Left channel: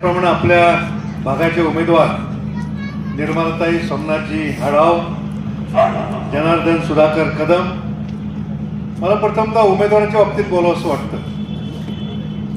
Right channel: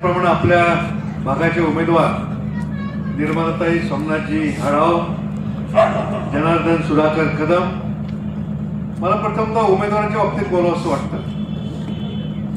प्रमाणे आपल्या भागाचे उमेदवार निर्मलाताई सोमनाथजी आढाव, जनार्दन सुधाकर कदम, मला प्रथमतः उमेदवारांच्या बाबतीत बोलावं असं वाटतं.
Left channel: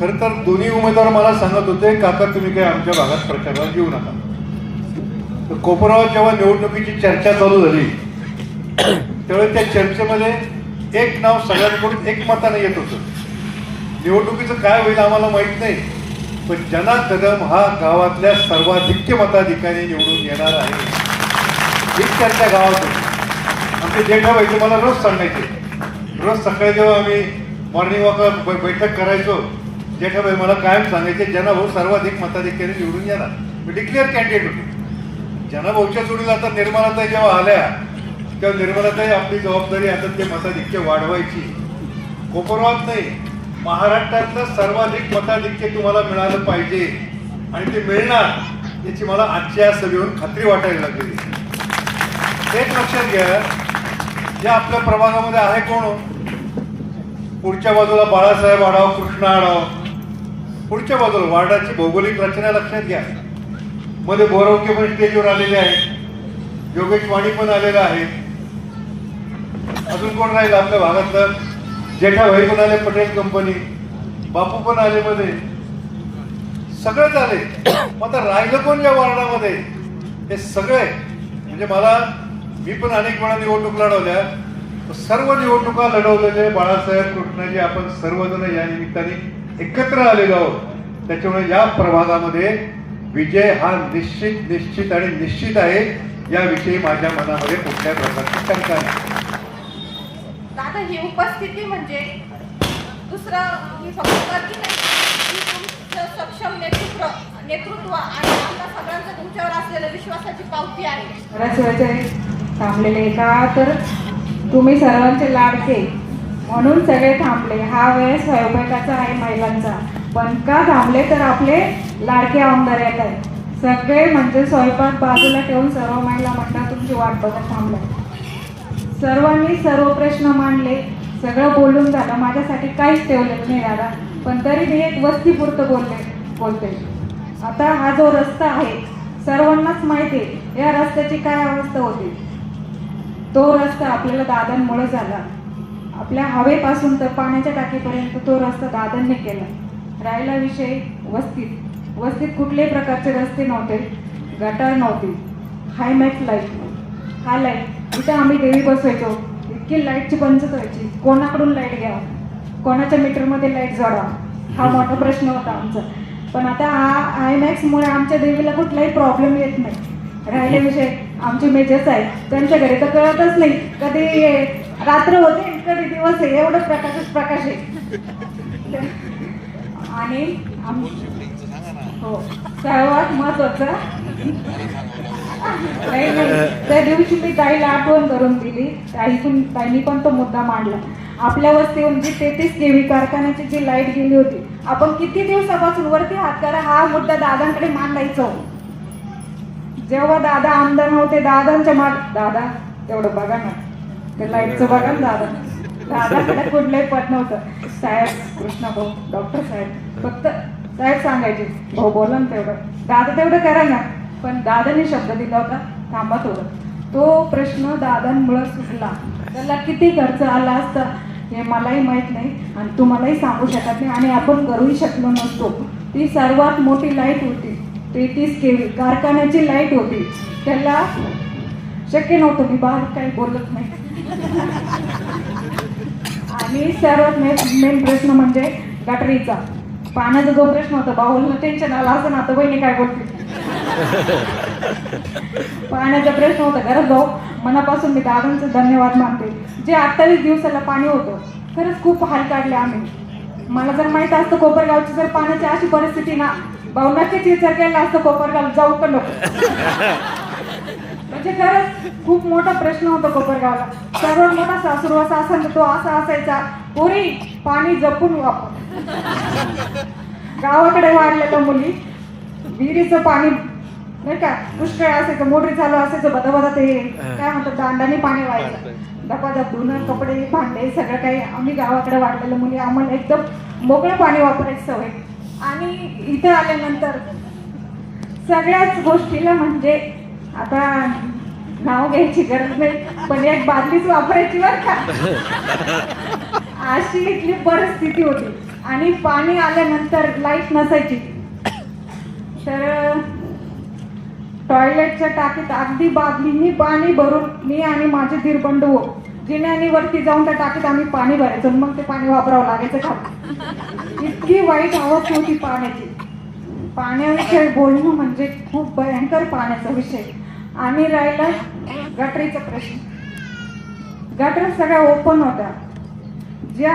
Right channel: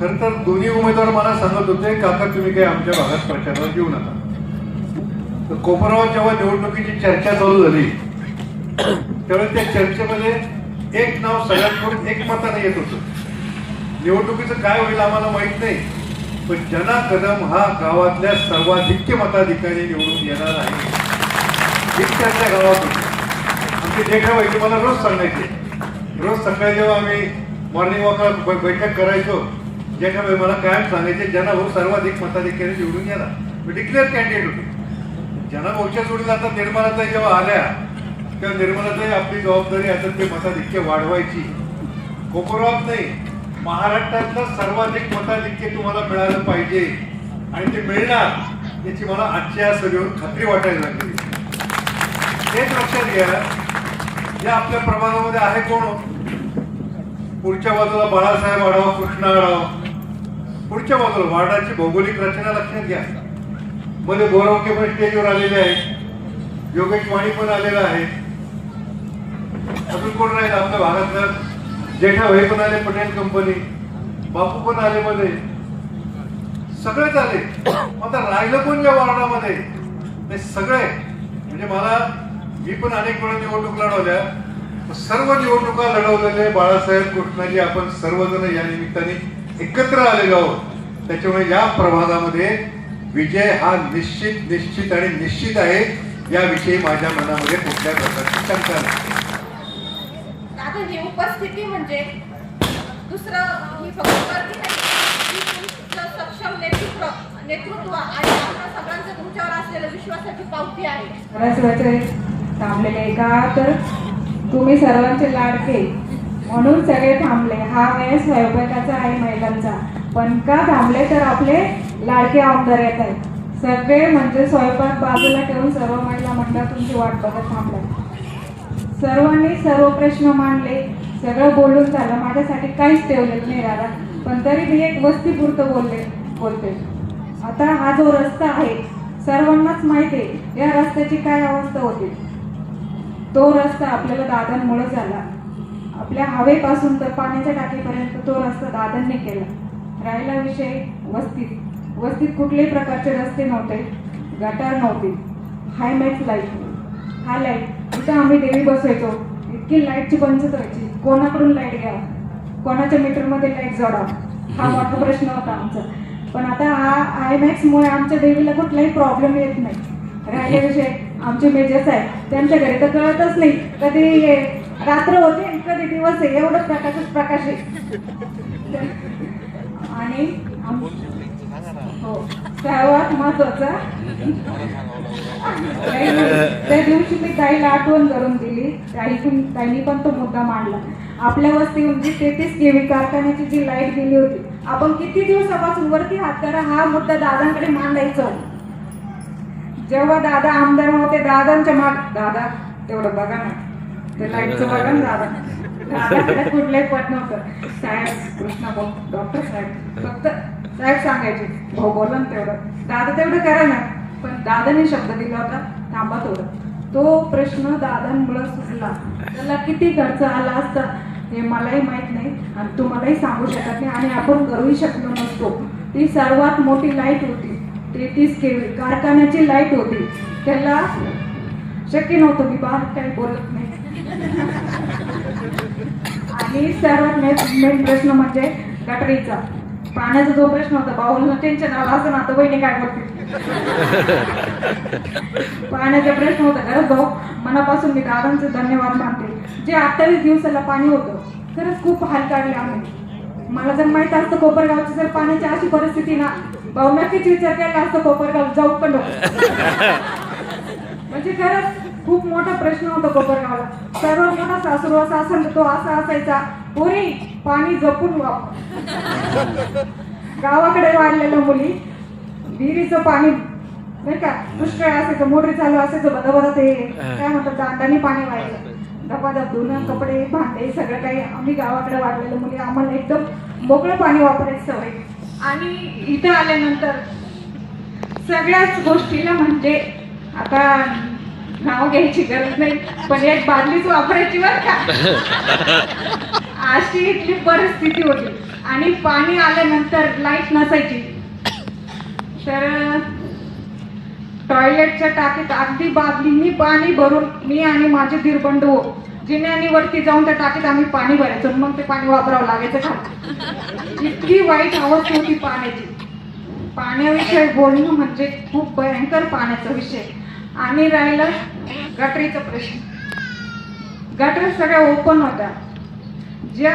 खरं तर दोन्ही उमेदवार मला सांगत होते, काका तुम्ही काही आमच्या भागात प्रचारावर येऊ नका. तर कोपरावर जेव्हा निवडणुकीची चर्चा चालू झाली त्यावेळी त्या चर्चेमध्ये एक नाव सगळ्यात पुढे एकमताने येत होतं. निवडणुकीचं काय होईल आम्हाला माहीत नाही, पण जना कदम हा गावातल्या सर्वाधिक मताधिकारी निवडून येणार आहे ही चर्चा गावात होती. आमचे जेठाबाई मला रोज सांगायचे, रोज सकाळी जेव्हा आम्ही मॉर्निंग वॉकला बैठक करायचो, जेठाबाई मला कायम सांगायचे जना भाऊ सर्वाधिक मताधिकारी निवडून येणार. मी डिक्लेअर कॅन्डिडेट होतो. जना भाऊच्या जोडीला आता निर्मलाताई जेव्हा आल्या तेव्हा निर्मलाताई आपली जबाबदारी आता ते मताधिक्य वाढवायची. कोपरगावात नाही, महाराष्ट्रातलं सर्वाधिक मताधिक्य तुम्हाला मिळालं पाहिजे आणि ते मिळणार याची मला आजच्या सभेवरून खात्री वाटायला लागली. एक लक्षात घ्या, या आपल्या प्रभागामध्ये आहे कोण? पुढच्या बाजूला बाळासाहेब आढाव, कृष्णा आढाव. पुढच्या बाजूला वार्डाची भौगोलिक रचना लक्षात घ्या. मध्ये बोरवके पण स्टेजवर आलेले आहेत, योगेश वाणी पण आलेला आहे. अजून कोण राहील आपल्या भागातलं? जेठाभाई पण आले, पटेल कंपनी, बापू पण आले, मध्ये सगळेच आले. आता राहिलं कोण या वार्डामध्ये? हे सगळे म्हणजे मी पण अनेक वेळा निवडणूक लढवल्या, सर्व निवडणुका लढवलेले बाळासाहेब, कृष्णाजी आपण सर्वजण या निमित्ताने एकत्र आलेलो आहोत. त्याच्यामुळे या प्रभागामध्ये विजय हा निश्चित आणि निश्चित आहे, याविषयी माझ्या मनामध्ये कुठल्या प्रकारची शंका नाही. ही उपस्थिती म्हणजे दुसरं ही फक्त गर्दी नाही, तुमचं सक्षम नेतृत्व आणि आम्हा सगळ्यांचं तुमच्यावर असलेल्या विश्वासाची पावती आहे. थांबलेले का तर तुम्ही सर्वांचे लाडके म्हणून सगळे थांबले. हा वेळ स्वयंपाकाचा आहे महिलांचा, पण का थांबले तर आपले लाडके आमदार येत आहेत. सगळे म्हणजे स्वयंपाक बाजूला ठेवून सर्व महिला मंडळ तुमची वाट बघत थांबले. सर्वांनी सर्व प्रश्न मांडले, सगळं बोलून झालं, माझ्यासाठी काहीच ठेवलेलं नाही दादा. पण तरी मी एक वस्तीपुरतं बोलते. आता हा जो रस्ता आहे सर्वांनाच माहिती आहे या रस्त्याची काय अवस्था होती. तो रस्ता आपल्याला दादांमुळे झाला. आपल्या हवेपासून तर पाण्याच्या टाकीपर्यंत तो रस्ता दादांनी केला. राहिला विषय वस्तीत कुठल्याही प्रकारचे रस्ते नव्हते, गटार नव्हती, हायमॅक्स लाईट. हा लाईट इथं आम्ही देवी बसवायचो, इतकी लाईटची पंचत व्हायची. कोणाकडून लाईट घ्यावा, कोणाच्या मीटरमध्ये लाईट जोडावा, हा मोठा प्रश्न होता आमचा. पण आता हा आयमॅक्समुळे आमच्या देवीला कुठलाही प्रॉब्लेम येत नाही. राहिले विषय आमचे मेजर्स आहे, त्यांच्या घरी तर कळतच नाही कधी रात्र होते कधी दिवस आहे, एवढं प्रकाश आहे. आणि हो, सर्वात महत्वाचं त्या दिवशी ती ताईला आठवण करून दिली. ताईनी पण तो मुद्दा मांडला. आपल्या वस्तीवरून 33 केव्ही कारखान्याची जी लाईट गेली होती, आपण किती दिवसापासून वरती हात करा हा मुद्दा दादांकडे मांडायचा. जेव्हा दादा आमदार नव्हते, दादांच्या दादा तेवढं बघा ना, ते लाईटचं बघा ना दादाकडे कुठलंही पद नव्हतं. साहेब कृष्णा भाऊ, डॉक्टर साहेब, फक्त साहेब सांगायचे, भाऊ बोला ना तेवढं, दादा तेवढं करा ना. पण दादाने शब्द दिला होता, थांबा थोडं. तो प्रश्न दादांमुळे सुटला. त्याला किती खर्च आला असता हे मलाही माहित नाही आणि तुम्हालाही सांगू शकत नाही आणि आपण करूही शकलो नसतो. ती सर्वात मोठी लाईट होती, 33 केव्ही कारखान्याची लाईट होती. त्याला शक्य नव्हतं की बाहेर काही बोलत नाही. आणि सर्वात मेन प्रश्न म्हणजे गटरीचा पाण्याचा जो प्रश्न होता, बाहुलला टेन्शन आला असं ना, तर बहिणी काय बोलते. पाण्याचा प्रश्न होता. खरंच भाऊ मनापासून मी दादांचे धन्यवाद मानते. जे 28 दिवसाला पाणी होतं, खरंच खूप हाल काढले आम्ही. मला जर माहित असतं कोपरगावची जर पाण्याची अशी परिस्थिती ना, भाऊ नक्कीच विचार केला असतं कोपरगाव जाऊ पण नको. म्हणजे खरंच खूप मोठा प्रश्न होता कोपरगावला. सर्वात मोठा सासुरवास असेल तो असा असायचा, पोरी पाणी जपून वापर. गावाकडे वाढलेल्या मुली विहिरीचं पाणी नाही का, दुष्काळ असायचं, मोटरी चालू असायचं, बदाबदा ते काय म्हणतात दांडाने पाणी व्हायचं. डबादात धुणं, कपडे, भांडे सगळं काही. आम्ही गावाकडे वाढलेल्या मुली, आम्हाला एकदम मोकळं पाणी वापरायची सवय. आणि इथं आल्यानंतर सगळ्याच गोष्टीला म्हणजे आता नाव घ्यायची गरज नाही, पण एक बादलीच वापरायची बरं का. अशी इथली परिस्थिती होती आणि पाणी आल्यानंतर लाईट नसायची. तर टॉयलेटच्या टाकीत अगदी बादलींनी पाणी भरून मी आणि माझे दीर बंधू जिन्यानी वरती जाऊन त्या टाकीत आम्ही पाणी भरायचो, मग ते पाणी वापरावं लागायचं खाली. इतकी वाईट अवस्था होती पाण्याची. पाण्याविषयी बोलणं म्हणजे खूप भयंकर पाण्याचा विषय. आणि राहिलं गटरीचा प्रश्न. गटर सगळ्या ओपन होत्या. ज्या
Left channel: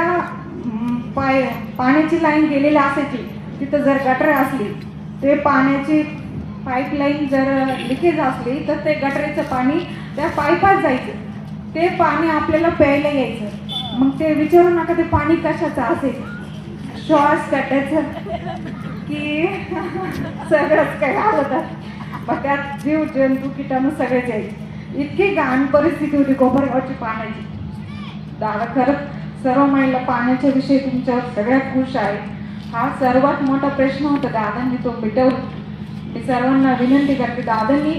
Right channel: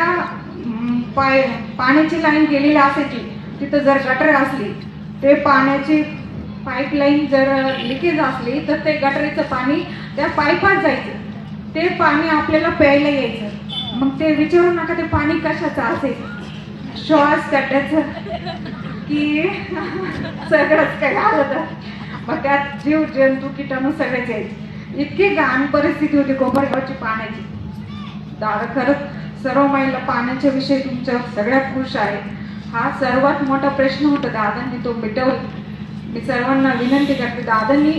पाण्याची लाईन गेलेली असायची तिथं जर गटर असली, ते पाण्याची पाईपलाईन जर लिकेज असली तर ते गटरीचं पाणी त्या पाईपात जायचं. ते पाणी आपल्याला प्यायला यायचं. मग ते विचारू नका ते पाणी कशाचं असेल, श्वास त्याचं की सगळंच काय घालतात. मग त्यात जीव जंतू किटाणू सगळेच यायचे. इतकी घाण परिस्थिती होती कोपरगावची पाण्याची. दादा खरंच सर्व महिला पाण्याच्या विषयी तुमच्यावर सगळ्या खुश आहे. हा सर्वात मोठा प्रश्न होता, दादांनी तो मिटवला. मी सर्वांना विनंती करते, दादांनी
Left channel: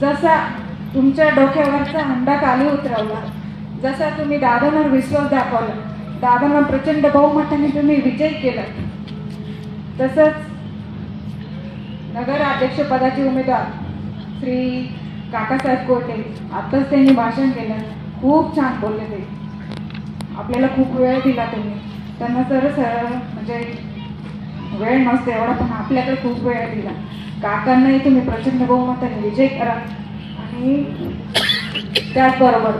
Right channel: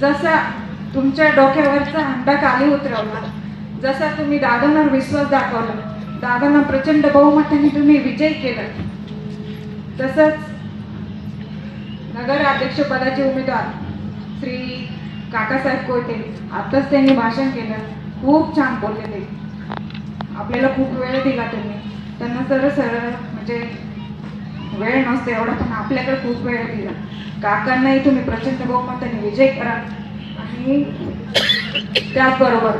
जसा तुमच्या डोक्यावरचा हंडा खाली उतरवला, जसा तुम्ही दादांवर विश्वास दाखवला, दादांना प्रचंड बहुमताने तुम्ही विजय केला, तसंच नगर अध्यक्ष पदाचे उमेदवार श्री काकासाहेब कोटे आताच त्यांनी भाषण केलं, खूप छान बोलले. ते आपल्याला खूप वेळ दिला त्यांना सरळ म्हणजे वेळ नसते एवढा, पण आपल्याकडे खूप वेळ दिला. काकांनाही तुम्ही प्रचंड बहुमताने विजय करा. आणि त्याचबरोबर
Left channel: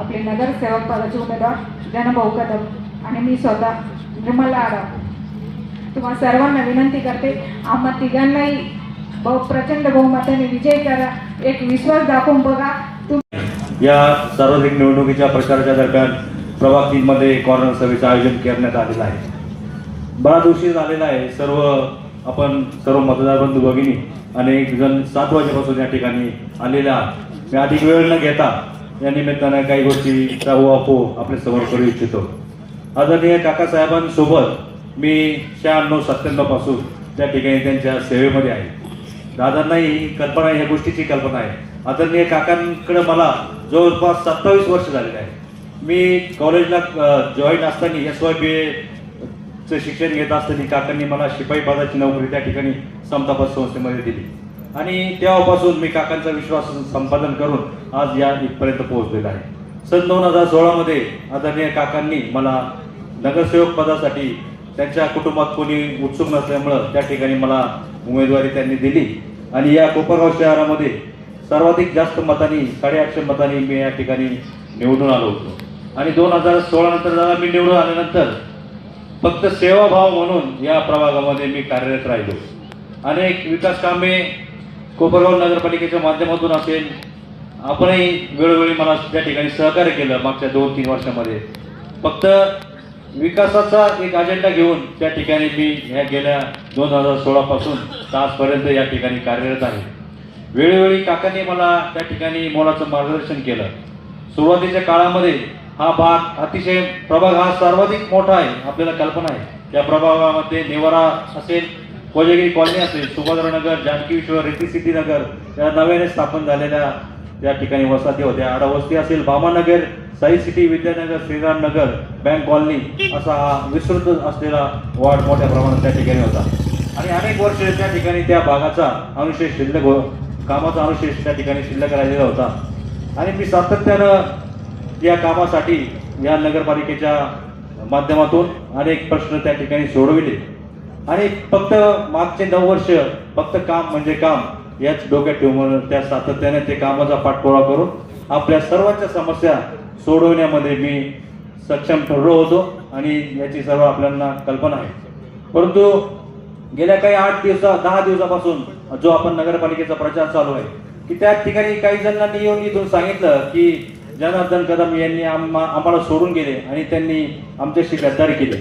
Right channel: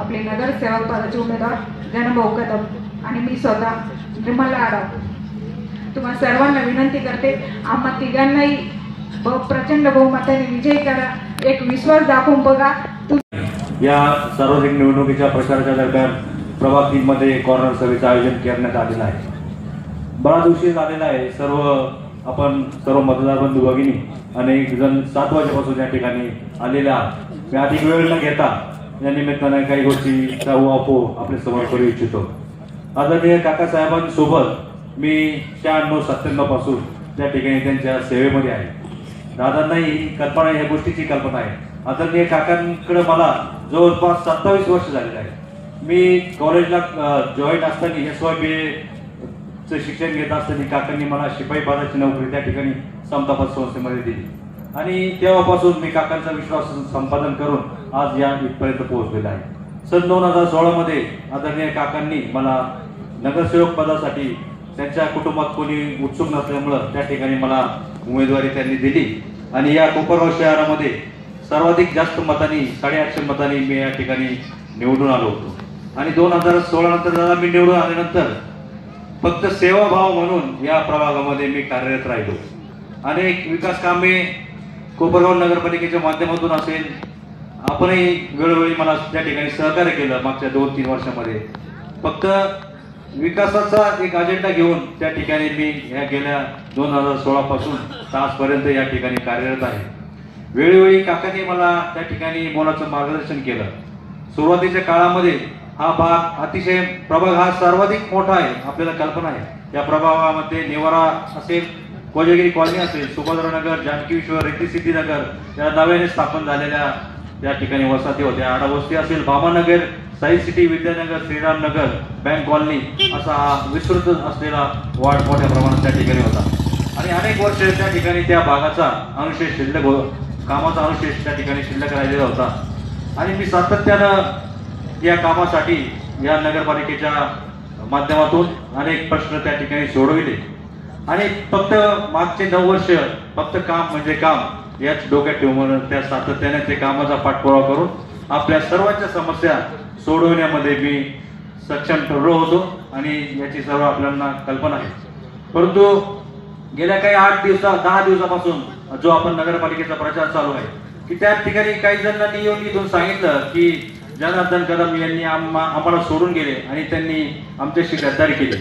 आपले नगरसेवक पदाचे उमेदवार जनभाऊ कदम आणि मी स्वतः निर्मला आराम तुम्हाला सर्वांना विनंती करते, आम्हा तिघांनाही प्रचंड बहुमताने विजय करा. एक विश्वास दाखवून बघा. या सार्वत्रिक निवडणुकीच्या प्रचाराच्या दरम्यान प्रभाग 3 मध्ये कॉर्नर सभेचं आयोजन करण्यात आलेलं आहे. बराच उशीर झालेला आहे. सर्व मतदार बंधू भगिनी अनेक जण 7 वाजेपासून या ठिकाणी आलेले आहात. मी अधिक वेळ न घेता या निमित्तानं काही गोष्टीचा उहापोह आपल्या समोर करू इच्छितो. आदरणीय काकासाहेबांसोबत मी 96-97 पासून त्या ठिकाणी त्यांच्या सेवेमध्ये आहे. दादांनाही कल्पना या गोष्टीची कल्पना आहे. आदरणीय काकांकडे मला जवळपास 27 वर्ष झालेले आहे. मी कॉलेजला जॉईन असताना SYBA शिक्षण घेत असताना काकांनी मला शिपाई पदाची नोकरी त्या ठिकाणी समतापद संस्थेमध्ये दिली आणि तेव्हापासून मी काकांचा विश्वास संपादन करून आज या इथपर्यंत पोहोचलेला आहे. सन 2016 मध्ये आदरणीय काकांनी मला नगरसेवक पदासाठी त्यांच्या कुटुंबात कोणी उत्सुक नसल्यामुळं त्या ठिकाणी मला उमेदवारी त्यांनी दिली आणि या कोपरगाव शहरामध्ये सर्वाधिक जास्त मतांनी 850 मतांनी मी या ठिकाणी निवडून आलो होतो. आणि 2016 नंतर जेव्हा मी निवडून आल्यानंतर फक्त सेवाभाव म्हणून या प्रभागामध्ये मी कार्यरत राहिलो. अनेक विकास कामे कोपरगाव नगरपालिकेच्या माध्यमातून असेल, आपणही वेळोवेळी मला त्या ठिकाणी सहकार्य केलं. मागच्या 2-3 वर्षामध्ये फक्त विकासाचा एक अजेंडा घेऊन त्या ठिकाणी मी ह्या गेल्या 2016 पासून आजपर्यंत या ठिकाणी कार्यरत आहे. वेळोवेळी काकांनी मला त्या ठिकाणी मोलाचं मार्गदर्शन केलं. सुरुवातीच्या काळामध्ये हा भाग अतिशय प्रभाग हा सर्वाधिक मोठा आहे, आपल्याला कल्पना आहे. या प्रभागामध्ये निवारा असेल, कोजागिरी कॉलनी असेल, सुभद्रनगर, जानकी विश्व, रेती सिद्धी नगर या नव्याने स्थापन झालेल्या त्या ठिकाणी वसाहती होत्या. आडावस्ती असेल, भामानगर, साई सिटी, विद्यानगर, श्रीराम नगर, बँक कॉलनी असा हा विस्तृत असलेला वार्ड मोठ्या प्रमाणात त्या ठिकाणी होता. आणि अनेक वर्ष त्या ठिकाणी त्या भागाचा अनुशेष शिल्लक कामाचा अनुशेष त्या ठिकाणी शिल्लक राहिलेला होता. आणि मी सातत्यानं या कामासाठी या नगरपालिकेच्या माध्यमातून अनेक प्रश्न त्या ठिकाणी सोडविले आणि फक्त मागचे 9 वर्ष फक्त काम म्हणजे काम याच डोक्यात ठेवून त्या सातत्याने ते कामाचा पाठपुरावा करून आपल्या सर्वांच्या समस्या सोडवण्यामध्ये मी सक्षम ठरलो होतो आणि याची सर्व आपल्याला कल्पना आहे. परंतु गेल्या काही 10 दिवसापासून जो आपण नगरपालिकेचा प्रचार चालू आहे की त्या ठिकाणी काही जणांनी येऊन इथून सांगितलं की जनार्दन कदम यांनी आम्हाला सोडून गेले आणि त्यांनी आमच्याशी गद्दारी केली.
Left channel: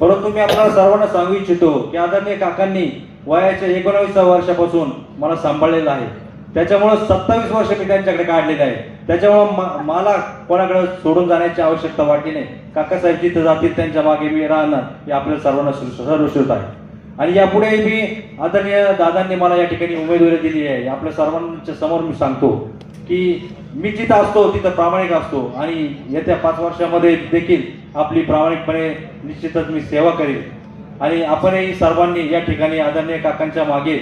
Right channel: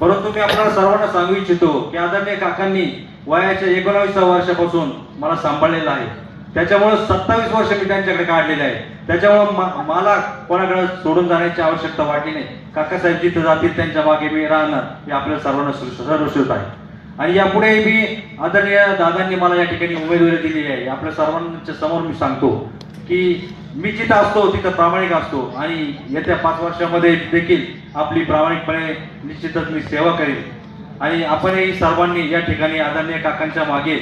परंतु मी आपल्याला सर्वांना सांगू इच्छितो की आदरणीय काकांनी वयाच्या 19व्या वर्षापासून मला सांभाळलेलं आहे. त्याच्यामुळे 27 वर्ष मी त्यांच्याकडे काढलेले आहे. त्याच्यामुळे मला कोणाकडे सोडून जाण्याची आवश्यकता वाटली नाही. काकासाहेब जिथे जातील त्यांच्या मागे मी राहणार हे आपल्याला सर्वांना सर्वश्रुत आहे. आणि यापुढे मी आदरणीय दादांनी मला या ठिकाणी उमेदवारी दिली आहे. आपल्या सर्वांच्या समोर मी सांगतो की मी जिथं असतो तिथं प्रामाणिक असतो आणि येत्या 5 वर्षामध्ये देखील आपली प्रामाणिकपणे निश्चितच मी सेवा करेन. आणि आपणही सर्वांनी या ठिकाणी आदरणीय काकांच्या मागे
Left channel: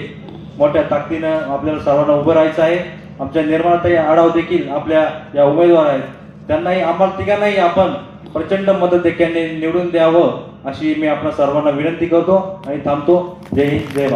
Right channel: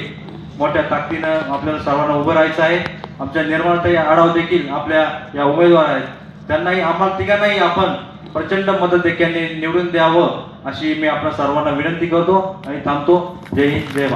मोठ्या ताकदीनं आपल्याला सर्वांना उभं राहायचं आहे. आमच्या निर्मलाताई आढाव देखील आपल्या या उमेदवार आहेत. त्यांनाही आम्हाला तिघांनाही आपण प्रचंड मदत निवडून द्यावं अशी मी आपल्या सर्वांना विनंती करतो आणि थांबतो. जय हिंद, जय भारत.